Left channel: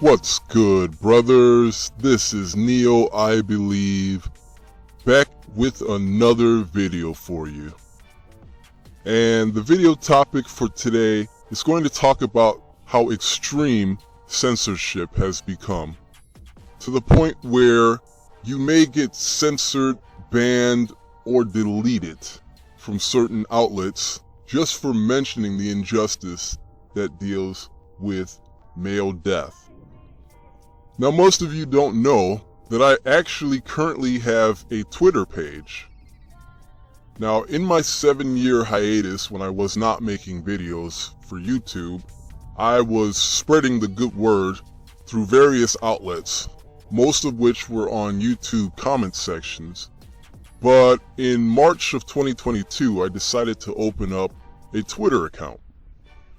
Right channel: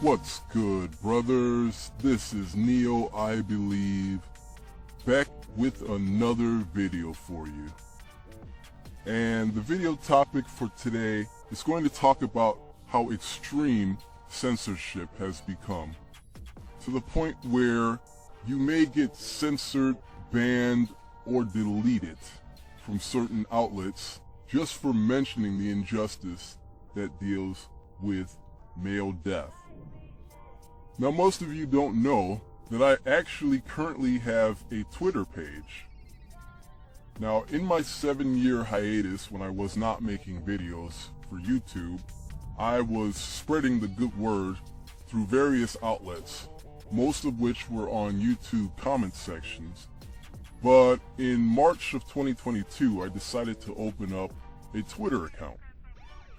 What's good, brothers? This is Neo, I believe, back with another video for you. And the video topic for today is going to talk about how extreme censorship has become, to the point where you may get censored, banned, or deleted from certain outlets just for mentioning the injustice that deals with male death. Now, most of you don't know that I actually currently have a Twitter page. Now, in my 7-year hiatus when I was not making videos for YouTube, I was spreading the good word through various outlets, most of which were on YouTube comment sections. But in March of 2022, I decided to open up a Twitter account.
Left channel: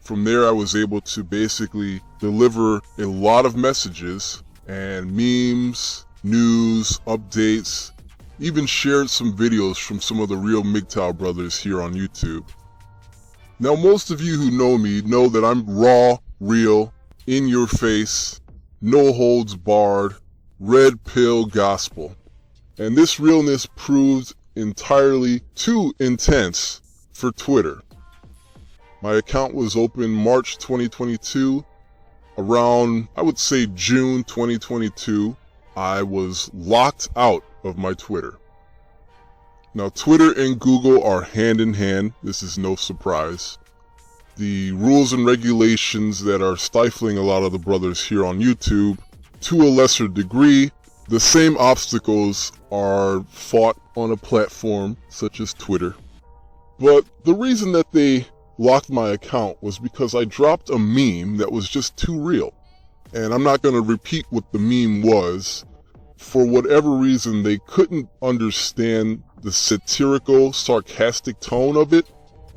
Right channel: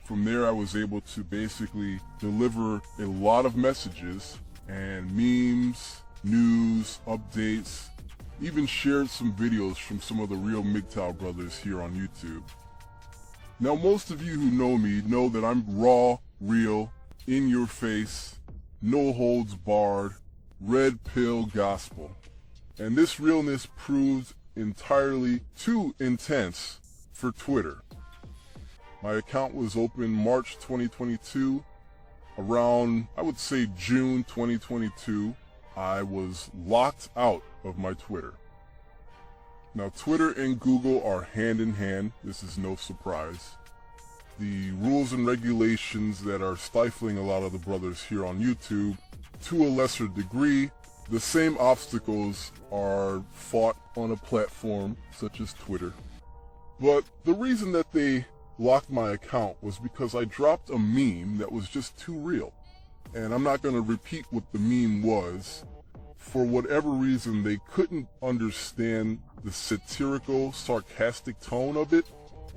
From there, I was able to basically deliver a lot of messages and memes, news, updates, even shared some videos from some of the real MGTOW brothers here on YouTube. Now, most of you who know me know that I'm raw, real, in your face, no holds barred, red pill gospel. And this realness proved entirely too intense for Twitter. My account was open March 2022. Around, I would say, June 2022, I was locked out of my Twitter. Now, Twitter and Google are hand in hand. This is no surprise. The rules and regulations that are stifling a lot of the brothers here on YouTube, to a lesser degree, the same obstacles are fought on a platform such as Twitter. But the reason that they locked my account was because I dropped a meme that was just too real. And I'm not going to repeat what the meme was. For whatever reason, they couldn't understand the satirical, sarcastic tone of it.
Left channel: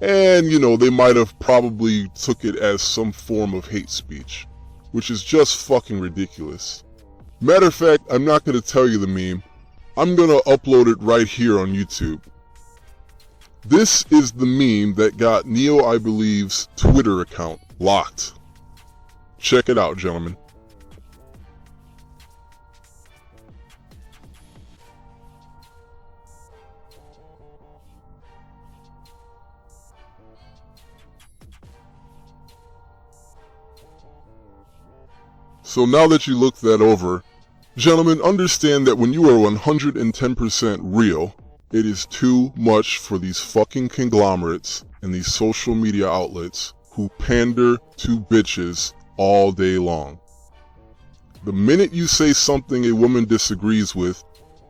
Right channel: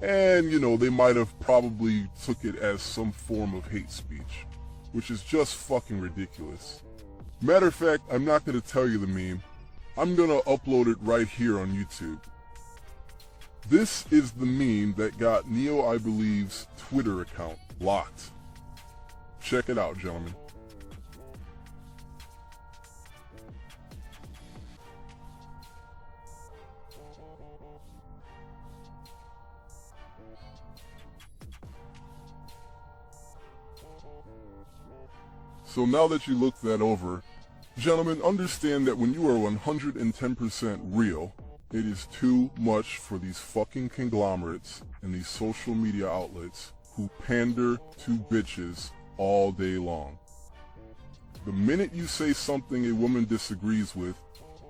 And, they might have probably took it as some form of hate speech, which is just fucking ridiculous. Matter of fact, I'm not going to tell you the meme. I'm going to upload it right here on YouTube. This is the meme that got Neo, I believe's Twitter account locked. Check it out, gentlemen. So now that you look that over, gentlemen, understand that when you are 110% real, it is too much for these fucking conglomerates and these social media outlets who pander to bitches all day long. The minute you say something a woman disagrees with,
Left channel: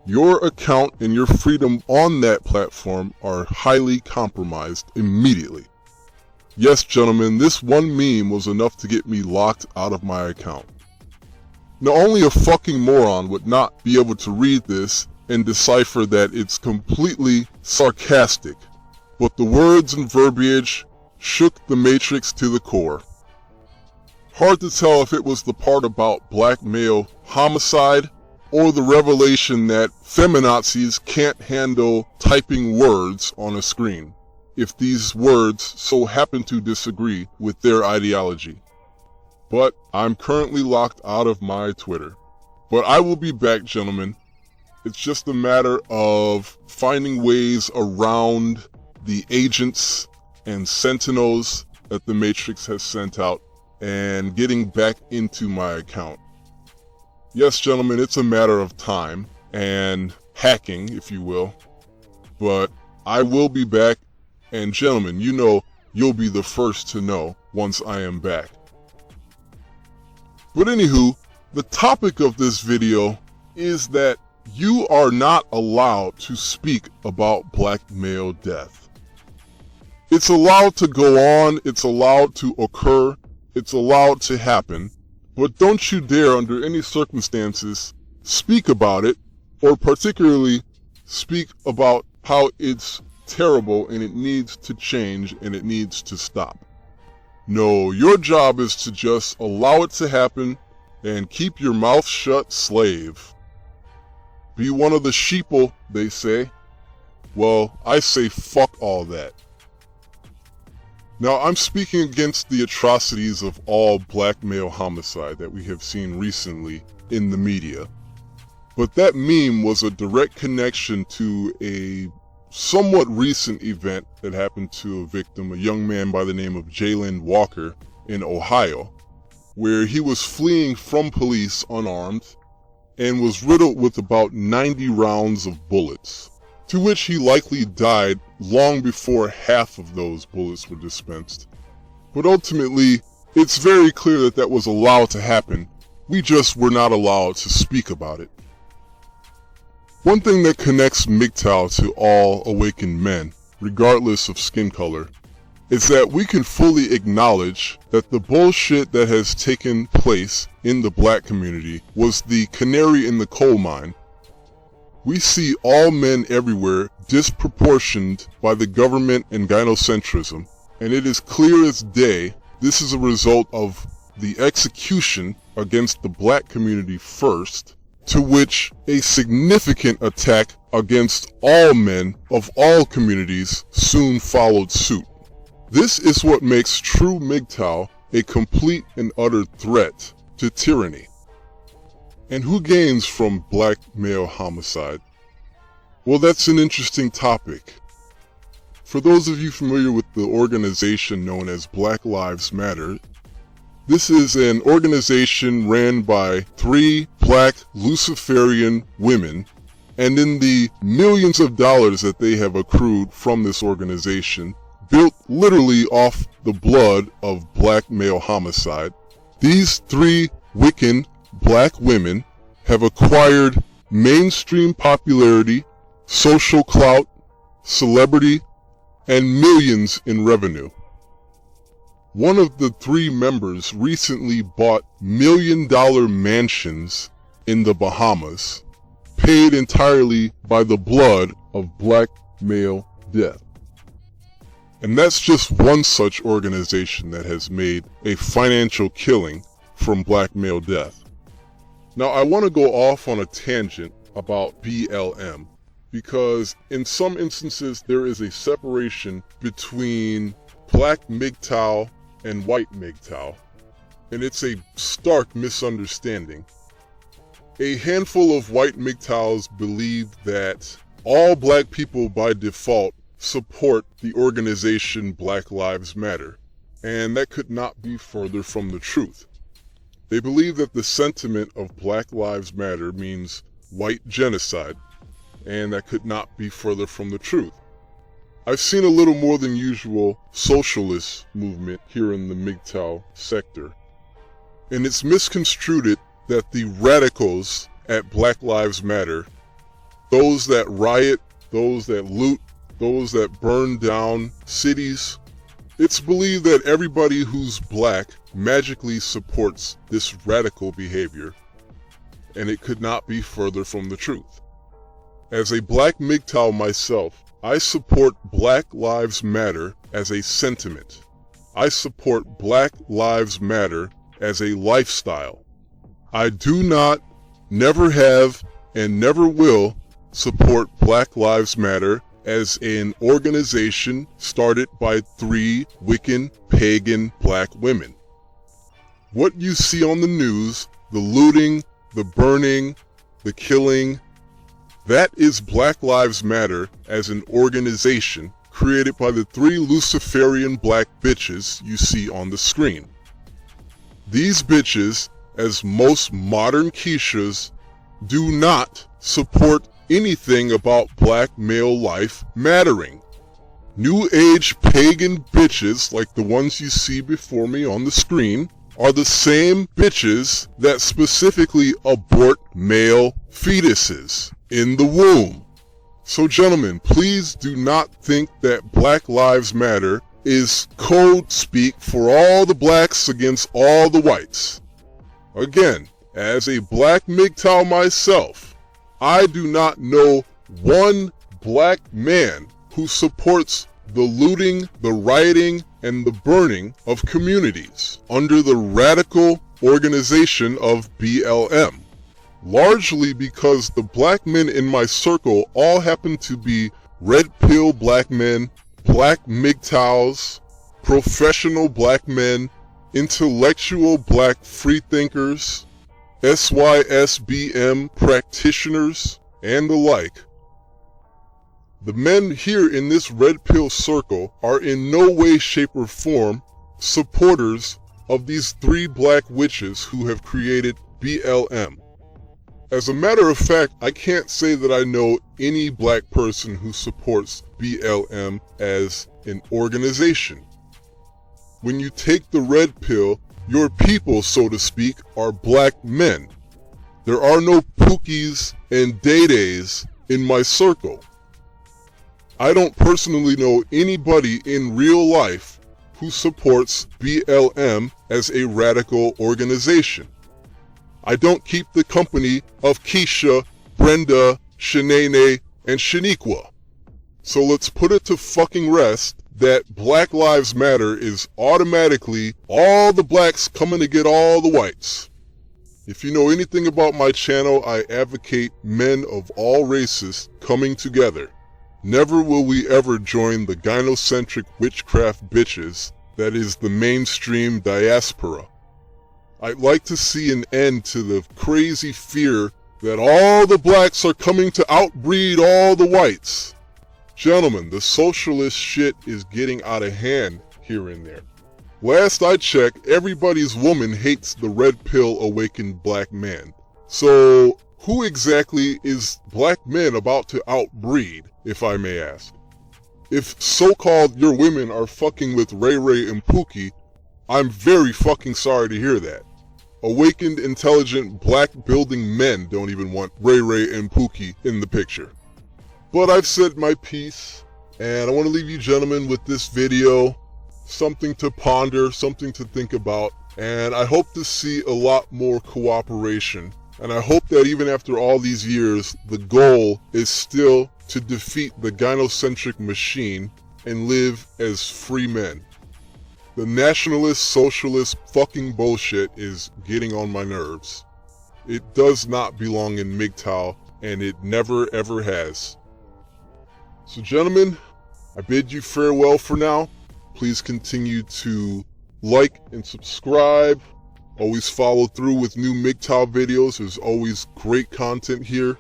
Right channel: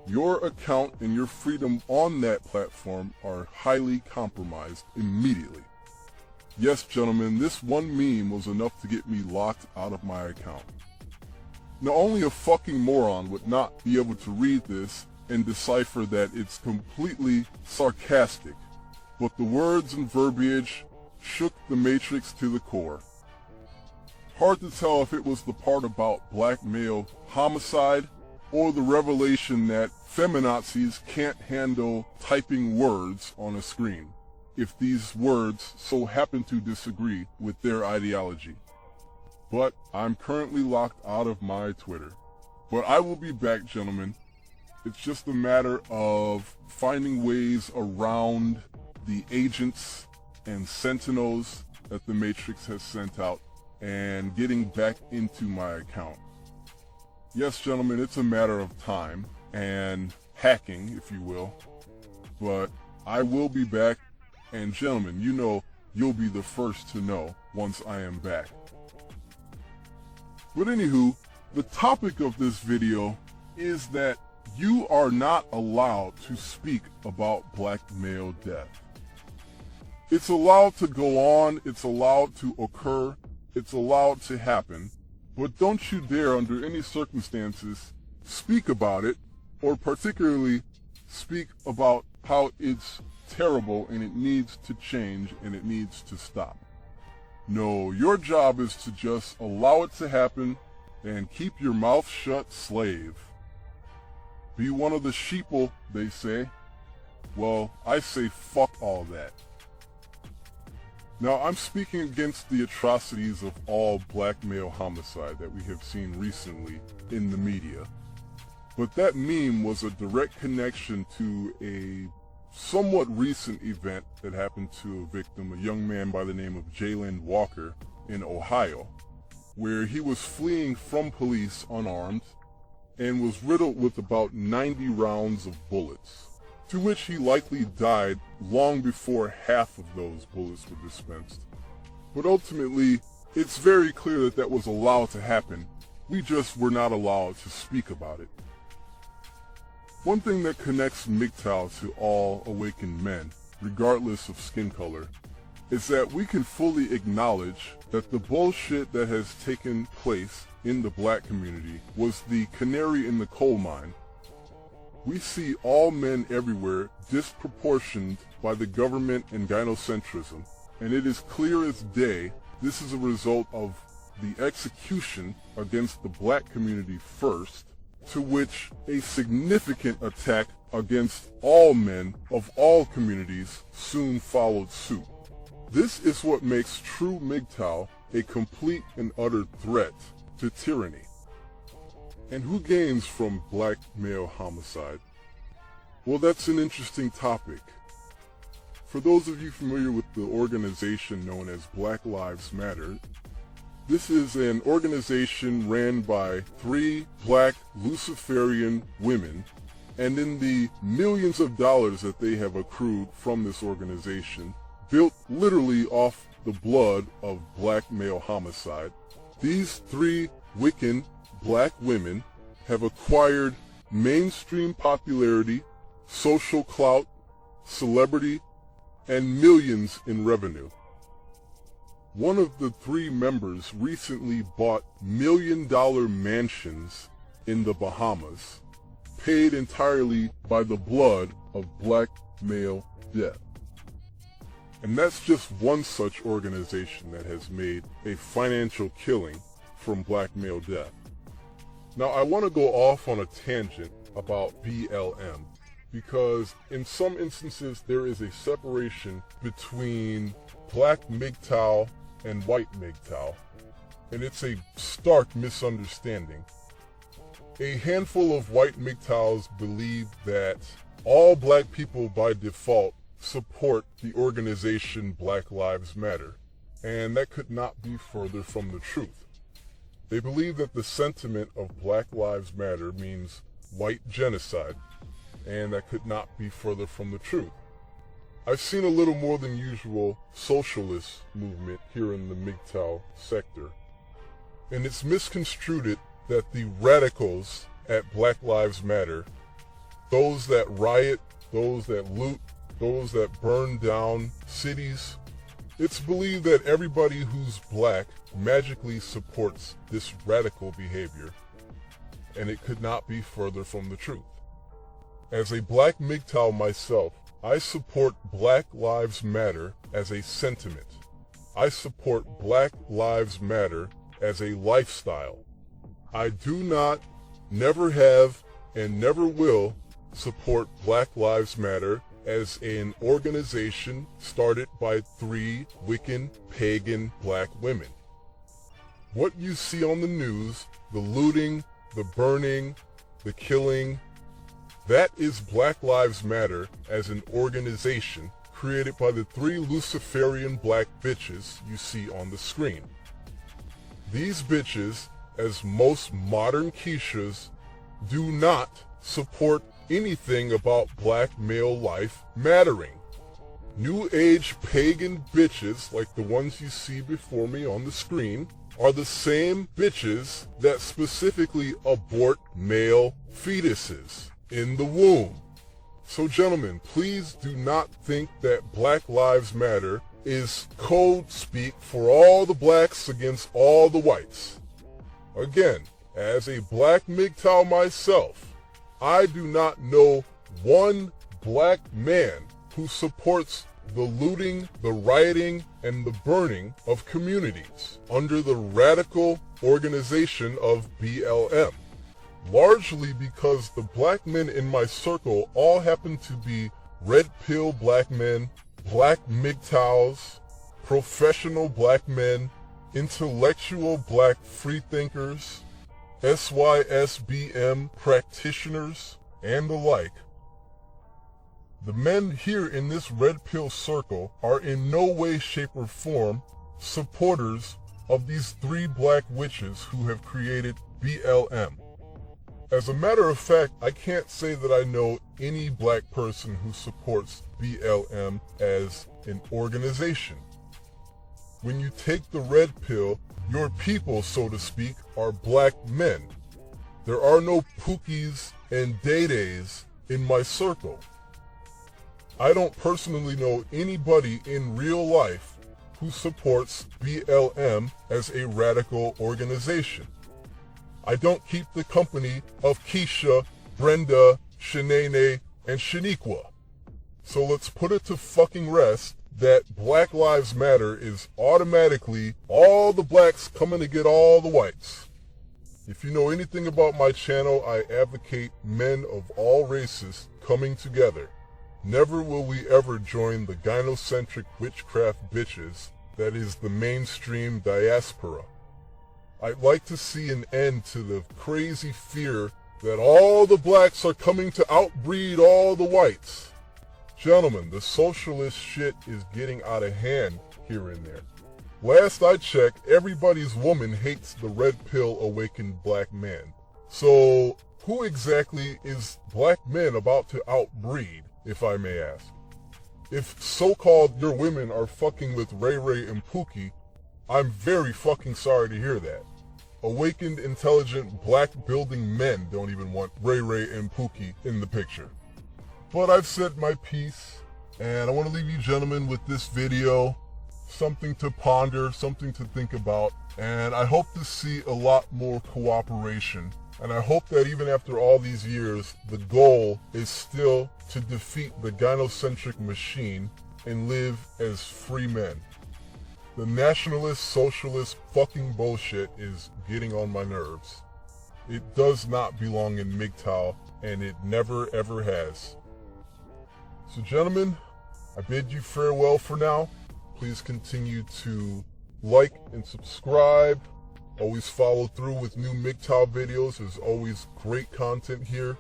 your account and your freedom on that platform are highly compromised immediately. Yes, gentlemen, this one meme was enough to get me locked out of my account. Now, only a fucking moron would not be able to read this and decipher that it's completely sarcastic, but the words and verbiage shook the Matrix to the core. Hard to tell if it was the part about black male homicide or the revelation that feminazis can't handle typing words on a screen if these words so happen to disagree with their ideology. But I'm currently locked out of my Twitter. But I will be back, gentlemen. It's just a matter of finding ways around the agents and sentinels that the Matrix has sent out and getting back into my account. Yes, gentlemen, it's a matter of time and hacking, if you will. But I will be back, and gentlemen, you'll be the first to know once I am back. But anywho, the topic of this video is that you are not allowed to speak about black male death. It's allowed to go on, it's allowed to occur, it's allowed to happen, but don't you dare under any circumstances speak about it, or particularly speak about how it's terrible and it needs to change and it needs to stop. No, your job is to just allow it to happen and keep your mouth shut, slave. Be one of the sheeple, they say. Well, I say fuck all that. Now, I'm speaking against the atrocities of all black male homicide that we have seen recently in the media. But that meme was a direct connection to a somewhat recent event that happened to a victim, a young man by the name of Jayland Walker in Ohio, where he was fleeing from police unarmed and was riddled with about 90 rounds of bullets, to which he likely died long before half of those bullets were dispensed. But ultimately, it's very clear that that was allowed to happen. We just were not allowed to speak about it. One thing that connects MGTOW to all awakened men, regardless of skin color, is that we can fully acknowledge that the bullshit that has taken place in the black community was the canary in the coal mine. We see all men everywhere disproportioned by the government and gynocentrism, and it is clear as day this is a result of the execution against the black community first, to which a significant attack against all men of all communities soon followed suit. This is what makes true MGTOW a complete and utter threat to tyranny. And who gains from black male homicide? Well, that's an interesting topic. For those of you familiar with the organization known as Black Lives Matter, this is an organization ran by 3 black Luciferian women, and in the millions of dollars that they have accrued from this organization, built literally off the blood of black male homicide, these 3 Wiccan black women have acquired mainstream popularity, social clout, celebrity, and millions in revenue. One of the 3 members recently bought million-dollar mansions in the Bahamas, paid entirely by the blood of black male death. And that's just one such organization that has made a financial killing from black male death. Now, I want to go off on a tangent about BLM, because in some instances there is a separation between black MGTOW and white MGTOW, and it's a stark misunderstanding. A handful of white MGTOWs believe that all black people by default support the organization Black Lives Matter, and that could not be further from the truth. They believe that the sentiment of Black Lives Matter means white genocide, and that could not be further from the truth. I've seen a little more than usual socialist movement here in the MGTOW sector, and it's misconstrued that the radicals at Black Lives Matter, those that riot, those that loot, those that burn down cities, it's believed that everybody who's black magically supports this radical behavior, and it could not be further from the truth. As a black MGTOW myself, I support Black Lives Matter as a sentiment. I support Black Lives Matter as a lifestyle. I do not, never have, and never will support Black Lives Matter as an organization started by 3 Wiccan, pagan black women. What you see on the news, the looting, the burning, the killing, that is Black Lives Matter as an organization created by the 3 Luciferian black bitches you see on the screen. These bitches, as most modern Keishas, do not support anything about black male life mattering. New Age pagan bitches like the ones you see before me on the screen are the same bitches that specifically abort male fetuses in the womb. So gentlemen, please do not think that Black Lives Matter is code speak for all the blacks against all the whites. Again, as a black MGTOW myself, I do not know one black man who supports the looting, the rioting, and the burning of communities under the radical organization of BLM. Largely because the black men in my circle all happen to be red pill black men, black MGTOWs, professional black men, intellectual black freethinkers, SYSBM practitioners, and the like. The men here in this red pill circle are in no way, shape, or form supporters of these three black witches who have created BLM. As a matter of fact, I can't say that I know any black person who supports BLM as an organization. When you take the red pill, your people, so to speak, are black men. There are no Pookies and Day-Days in my circle. I don't personally know anybody in real life who supports BLM as a radical organization. I don't keep the company of Keisha, Brenda, Shanae, and Shaniqua. So let's put it to fucking rest that Black Lives Matter is automatically all the blacks coming to get all the whites. If you know anything about my channel, I advocate men of all races coming together. Never will we ever join the gynocentric witchcraft bitches that is the mainstream diaspora. I'd like to see an end to the crazy fear that all the blacks are coming to outbreed all the whites. Gentlemen, the socialist shit is getting out of hand here and there. Last I checked, everybody's woman hates the red pill awakened black man. So who exactly is black men about to outbreed, if I may ask? If so-called your women are fucking with Ray Ray and Pookie, I'm very fucking sorry to hear that. Awakened, intelligent, black building men don't even want Ray Ray and Pookie in the picture. But I've said my piece, and I want to leave you gentlemen with this video. Something to ponder, something to think about, and I hope to see a lot more cooperation. And I hope that even after all these years, the goal is still to defeat the gynocentric machine and live as free men. The nationalist, socialist fucking bullshit is getting on my nerves. It does not belong in MGTOW, and it never ever has. So gentlemen, I bid you farewell for now. Please continue to like and subscribe. Always follow through with new MGTOW videos. There's always great content here.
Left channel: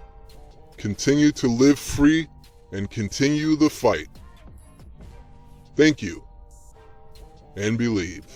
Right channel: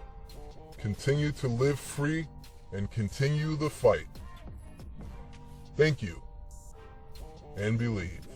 Continue to live free and continue the fight. Thank you. And believe.